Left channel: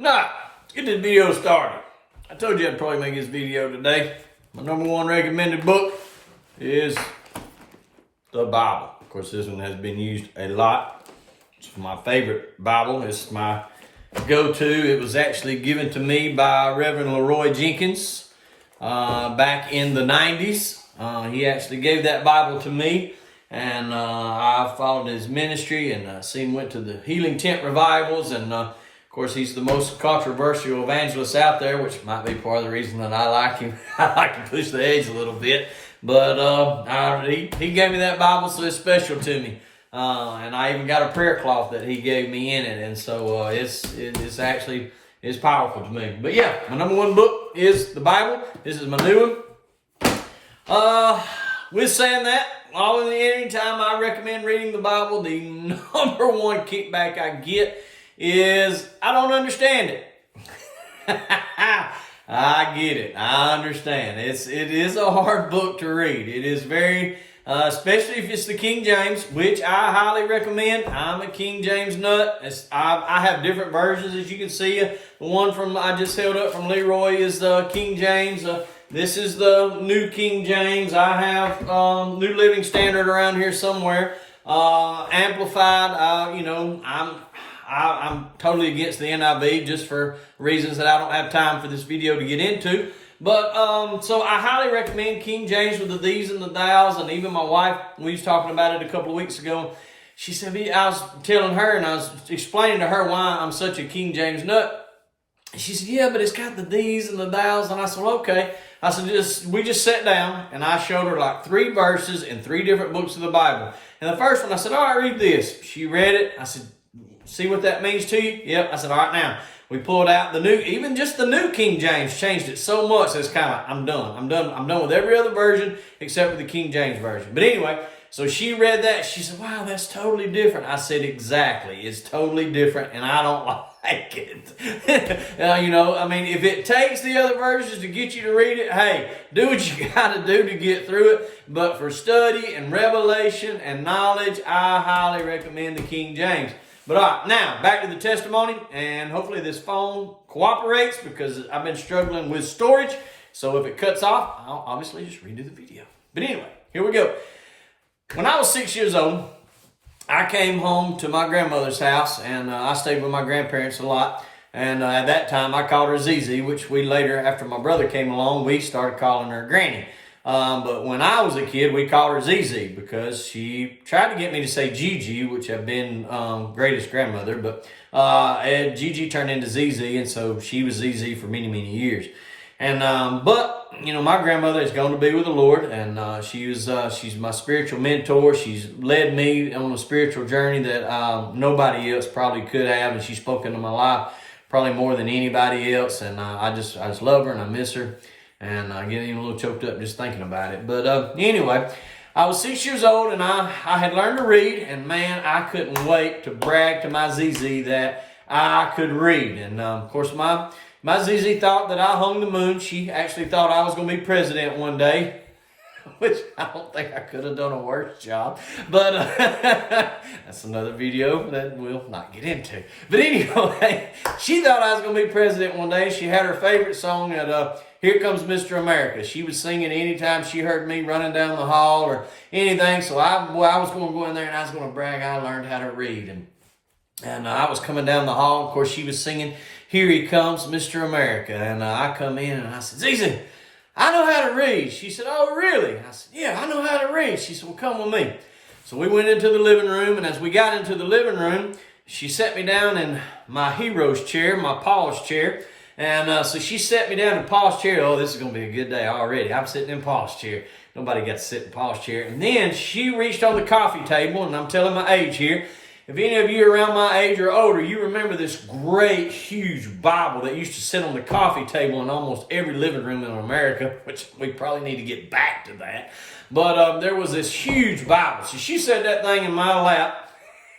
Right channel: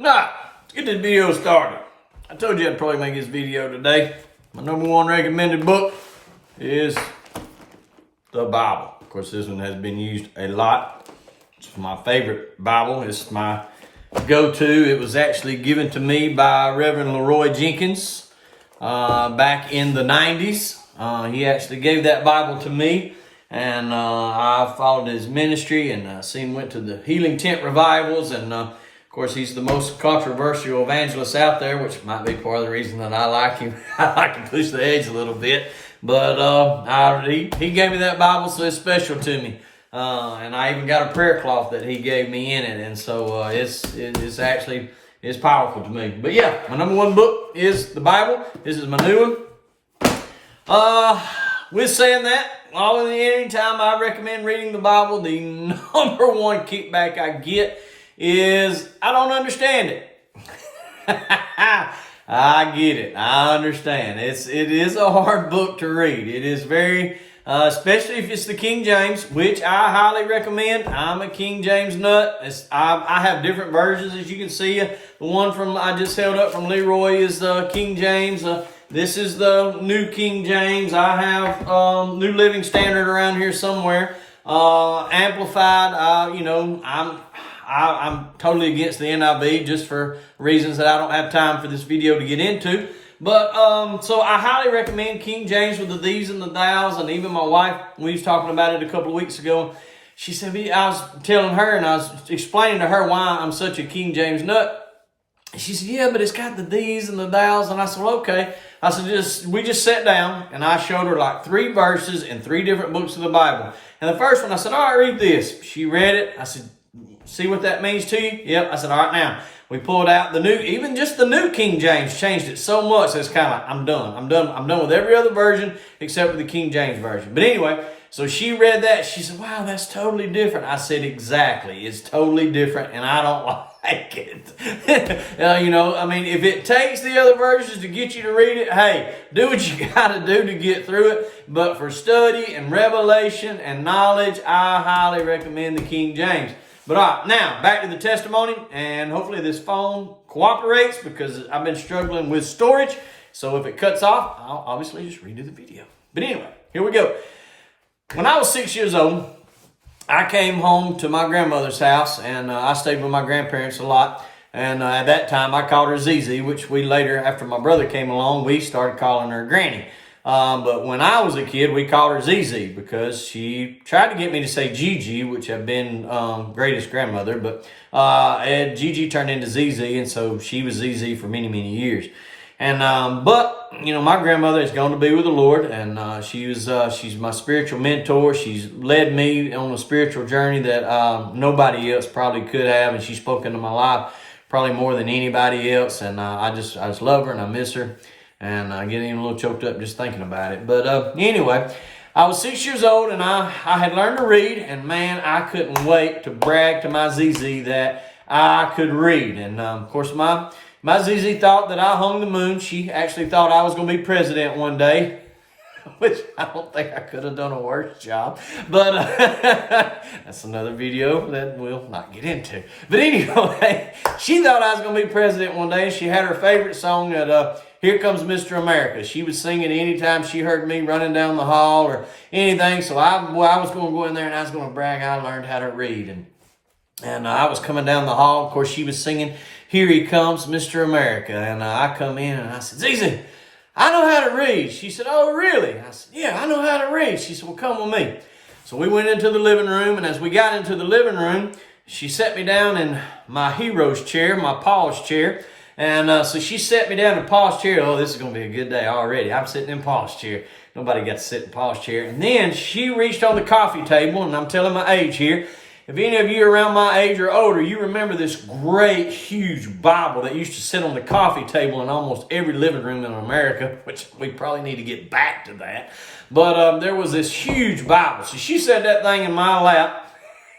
Now, let's get this video started. I told you I'd probably make this video today. My number one recommended book is the Bible. Of course, this one has been used a lot. It's my favorite Bible. It's my go-to. It was actually given to me by Reverend Leroy Jenkins back in the 90s. He actually gave that Bible to me, and I followed his ministry and seen went to the Healing Tent revivals, and of course, he's the most controversial evangelist out there, which might be part of the reason that I like him. I like to push the edge a little bit. But he gave me that Bible, so it's special to me. And I even got a prayer cloth that he gave me in it. And so it's powerful to me. But yeah, my number one book is the Bible. This is my new one. With saying that, anytime I recommend reading the Bible, the number one kickback I get is I don't understand it. I get it. I understand. It is a hard book to read. It is very, especially if it's the King James, which I highly recommend. I'm a King James nut. I have different versions, as you can see. The one I just held up from Leroy is the King James. This is the New King James. I have New Living Standard around here somewhere. Amplified. I'm totally against the NIV just for reasons that I don't have time for this video to get into. But, so I highly recommend King James with the these and the thous. And even my wife, we was talking about it a couple of weeks ago. She said, I was telling her and I was explaining to her why I'm such a King James nut. She said, yeah, but it's got the these and the thous. And I said, well, okay. I said, we just sat down and I showed her like 3 verses in 3 different books of the Bible. And the first one, I said, all right, read this. She read it. I said, see what that means to you? Yep. I said, all right, now we pulled out even just the New King James changed it so much that it's kind of like, I'm done with every other version except for the King James version. But anyway, so she read that. She said, wow, that's totally different. I said, exactly. It's totally different, and I don't like it. If it takes the other versions to get you to read it, hey, do what you got to do to get through it. But for study and revelation and knowledge, I highly recommend the King James. But all right, now back to the testimony, and hopefully this phone cooperates because I've been struggling with storage. So if it cuts off, I'll obviously just redo the video. But anyway, here we go. When I was 6 years old, I came home to my grandmother's house, and I stayed with my grandparents a lot. And at that time, I called her Zizi, which we later, after my brother came along, we started calling her Granny. But when I was a kid, we called her ZZ because she tried to get me to say Gigi, which had been greatest grandmother. But Gigi turned into ZZ, and so she was ZZ for many, many years. And my grandmother is going to be with the Lord, and she's my spiritual mentor. She's led me on a spiritual journey that nobody else probably could have, and she's spoken to my life probably more than anybody else. And I just love her and I miss her. And I get even a little choked up just thinking about it. But anyway, I was 6 years old and I had learned to read. And man, I couldn't wait to brag to my ZZ that I could read. And of course, my ZZ thought that I hung the moon. She actually thought I was going to be president one day, which I don't think I could have done a worse job. But that's another video that we'll not get into. But anyway, she thought I was going to be president one day. She had her favorite song that Here Comes Mr. America. She was singing anytime she heard me running down the hall or anything. So I was going to go in there and I was going to brag I learned how to read. And I was coming down the hall. Of course, she was singing Here He Comes Mr. America. And I come in and I said, Zizi, I know how to read. She said, oh, really? I said, yeah, I know how to read. She said, well, come with me. So we went into the living room. And as we got into the living room, she set me down in my hero's chair, my Paul's chair. And so she sat me down in Paul's chair. Oh, this is going to be a good day already. I'm sitting in Paul's chair. Nobody got to sit in Paul's chair. And then she reached on the coffee table, and I'm telling my age here. If any of you are around my age or older, you remember this great, huge Bible that used to sit on the coffee table in almost every living room in America, which we probably need to get back to that. But there was this huge Bible. So she set that thing in my lap.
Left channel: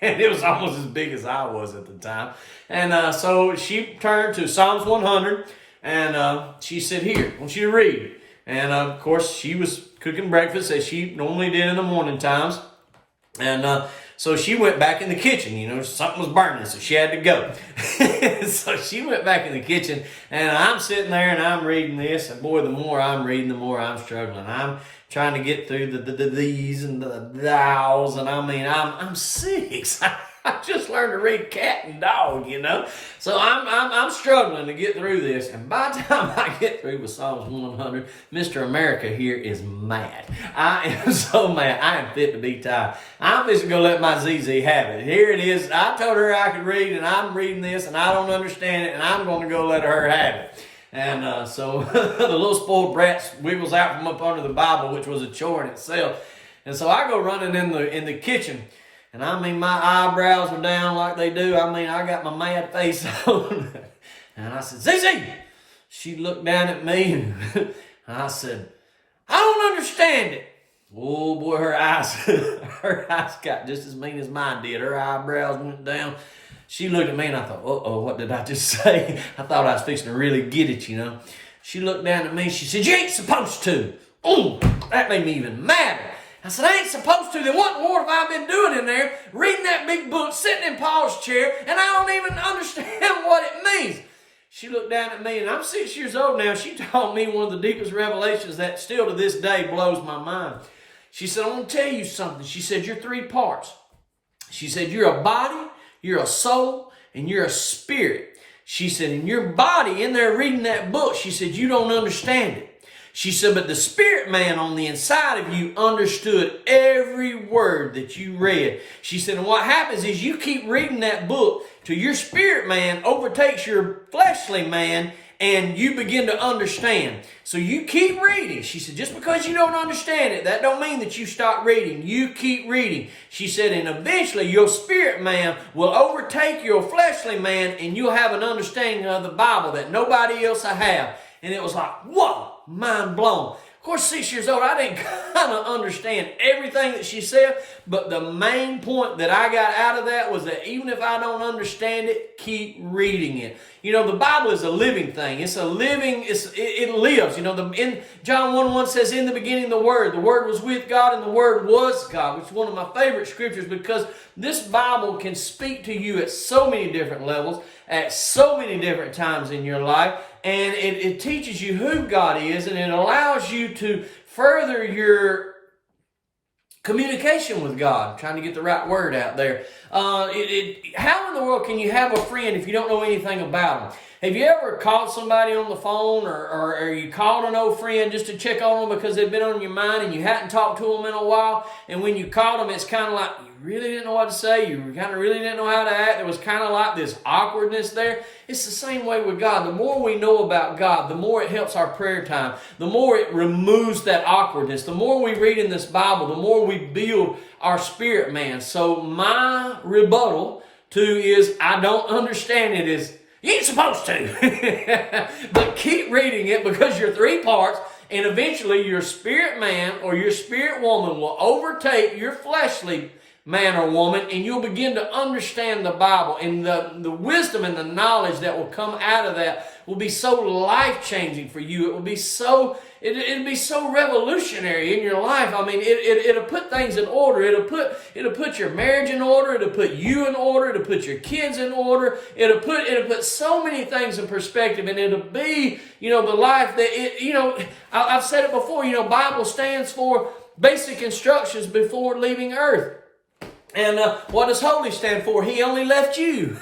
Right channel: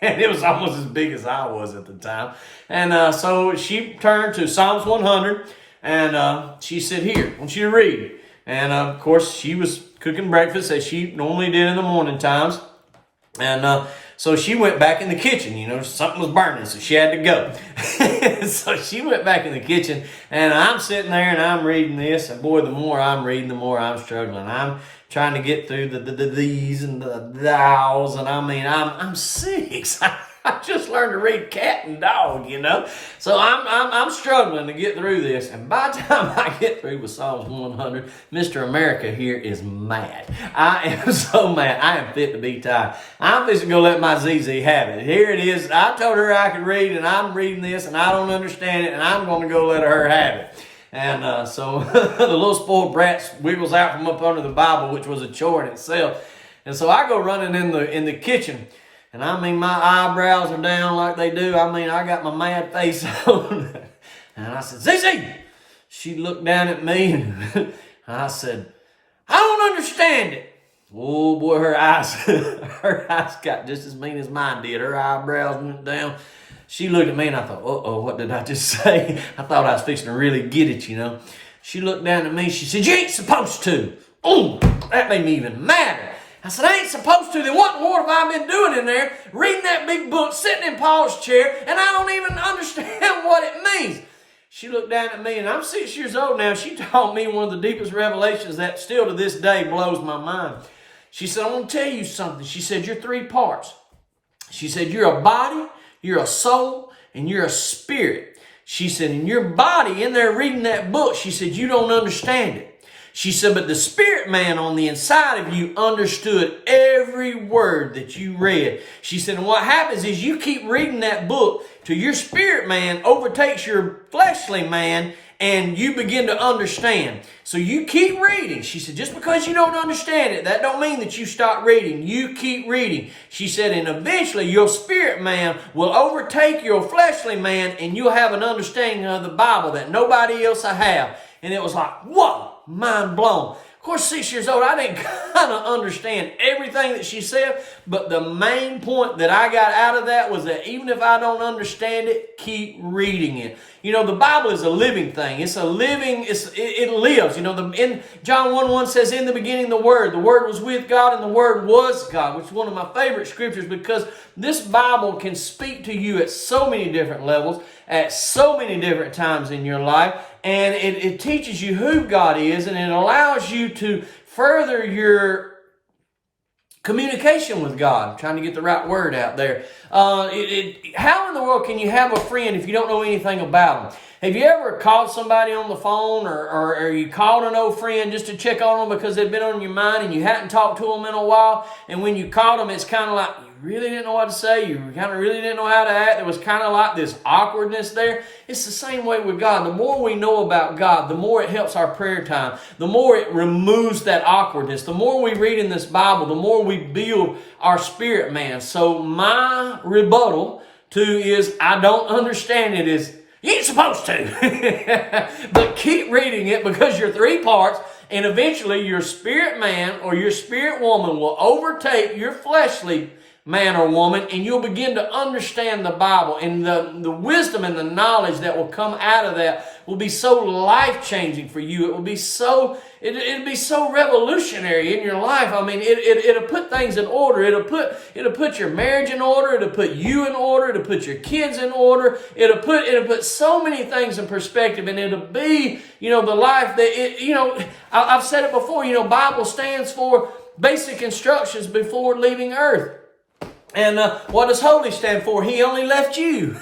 And it was almost as big as I was at the time. And so she turned to Psalms 100. And she said, here, I want you to read. And of course, she was cooking breakfast as she normally did in the morning times. And So she went back in the kitchen. You know, something was burning, so she had to go. So she went back in the kitchen, and I'm sitting there and I'm reading this. And boy, the more I'm reading, the more I'm struggling. I'm trying to get through the these and the thous, and I mean, I'm 6. I just learned to read cat and dog, you know. So I'm struggling to get through this. And by the time I get through with Psalms 100, Mr. America here is mad. I am so mad. I am fit to be tied. I'm just going to let my ZZ have it. Here it is. I told her I could read, and I'm reading this, and I don't understand it, and I'm going to go let her have it. And so the little spoiled brat wiggles out from up under the Bible, which was a chore in itself. And so I go running in the kitchen. And I mean, my eyebrows are down like they do. I mean, I got my mad face on. And I said, ZZ! She looked down at me and I said, I don't understand it. Oh boy, her eyes got just as mean as mine did. Her eyebrows went down. She looked at me and I thought, uh-oh, what did I just say? I thought I was fixing to really get it, you know. She looked down at me. She said, you ain't supposed to. Oh, that made me even madder. I said, I ain't supposed to. Then what in the world have I been doing in there, reading that big book, sitting in Paul's chair, and I don't even understand what it means. She looked down at me, and I'm 6 years old now. She taught me one of the deepest revelations that still to this day blows my mind. She said, I want to tell you something. She said, you're 3 parts. She said, you're a body, you're a soul, and you're a spirit. She said, in your body, in there reading that book, she said, you don't understand it. She said, but the spirit man on the inside of you understood every word that you read. She said, and what happens is you keep reading that book till your spirit man overtakes your fleshly man and you begin to understand. So you keep reading. She said, just because you don't understand it, that don't mean that you stop reading. You keep reading. She said, and eventually your spirit man will overtake your fleshly man and you'll have an understanding of the Bible that nobody else will have. And it was like, whoa. Mind blown. Of course, 6 years old, I didn't kind of understand everything that she said, but the main point that I got out of that was that even if I don't understand it, keep reading it. You know, the Bible is a living thing. It's a living, it lives. You know, in John 1:1 says, in the beginning the Word was with God and the Word was God, which is one of my favorite scriptures because this Bible can speak to you at so many different levels, at so many different times in your life. And it teaches you who God is, and it allows you to further your communication with God. I'm trying to get the right word out there. How in the world can you have a friend if you don't know anything about them? Have you ever called somebody on the phone or you called an old friend just to check on them because they've been on your mind and you hadn't talked to them in a while? And when you called them, it's kind of like you really didn't know what to say. You kind of really didn't know how to act. There was kind of like this awkwardness there. It's the same way with God. The more we know about God, the more it helps our prayer time. The more it removes that awkwardness. The more we read in this Bible, the more we build our spirit man. So my rebuttal to is I don't understand it is, you ain't supposed to. But keep reading it because you're 3 parts and eventually your spirit man or your spirit woman will overtake your fleshly man or woman and you'll begin to understand the Bible and the wisdom and the knowledge that will come out of that will be so life-changing for you. It will be so It'd be so revolutionary in your life. I mean, it'll put things in order. It'll put your marriage in order. It'll put you in order. It'll put your kids in order. It'll put so many things in perspective, and it'll be, the life that I've said it before. Bible stands for basic instructions before leaving earth. And what does holy stand for? He only left you.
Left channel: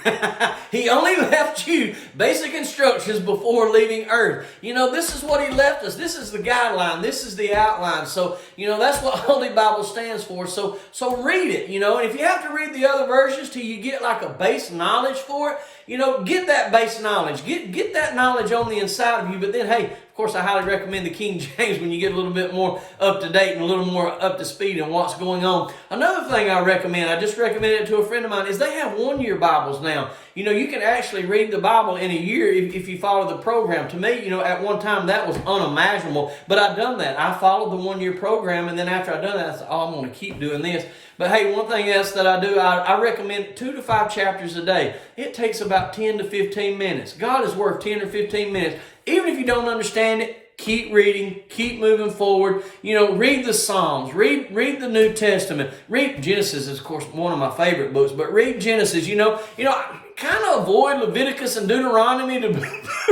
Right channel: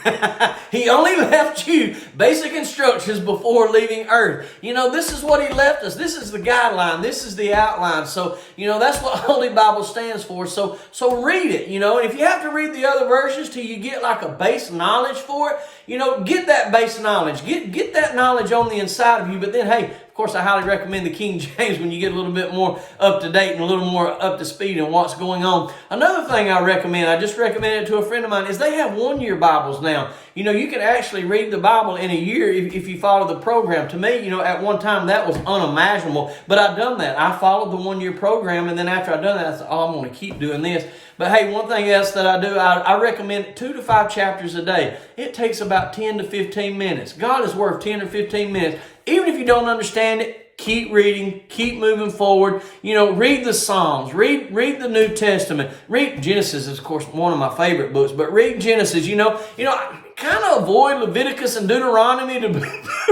He only left you basic instructions before leaving earth. This is what he left us. This is the guideline. This is the outline. So, that's what Holy Bible stands for. So read it, and if you have to read the other versions till you get like a base knowledge for it, get that base knowledge. Get that knowledge on the inside of you. But then, hey, of course, I highly recommend the King James when you get a little bit more up to date and a little more up to speed in what's going on. Another thing I recommend, I just recommended it to a friend of mine, is they have 1-year Bibles now. You can actually read the Bible in a year if you follow the program. To me, at one time that was unimaginable, but I've done that. I followed the 1-year program, and then after I've done that, I said, I'm going to keep doing this. But hey, one thing else that I do, I recommend 2 to 5 chapters a day. It takes about 10 to 15 minutes. God is worth 10 or 15 minutes. Even if you don't understand it, Keep reading, keep moving forward. You know, read the Psalms, read the New Testament. Read Genesis is, of course, one of my favorite books, but read Genesis. I kind of avoid Leviticus and Deuteronomy to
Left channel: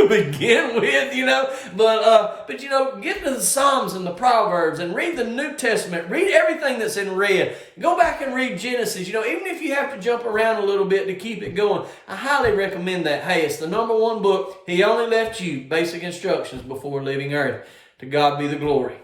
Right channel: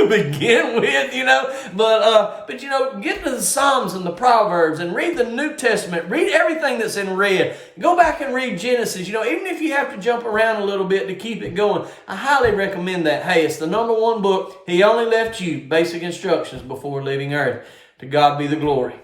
begin with, but get to the Psalms and the Proverbs and read the New Testament. Read everything that's in red. Go back and read Genesis. Even if you have to jump around a little bit to keep it going, I highly recommend that. Hey, it's the #1 book. He only left you basic instructions before leaving earth. To God be the glory.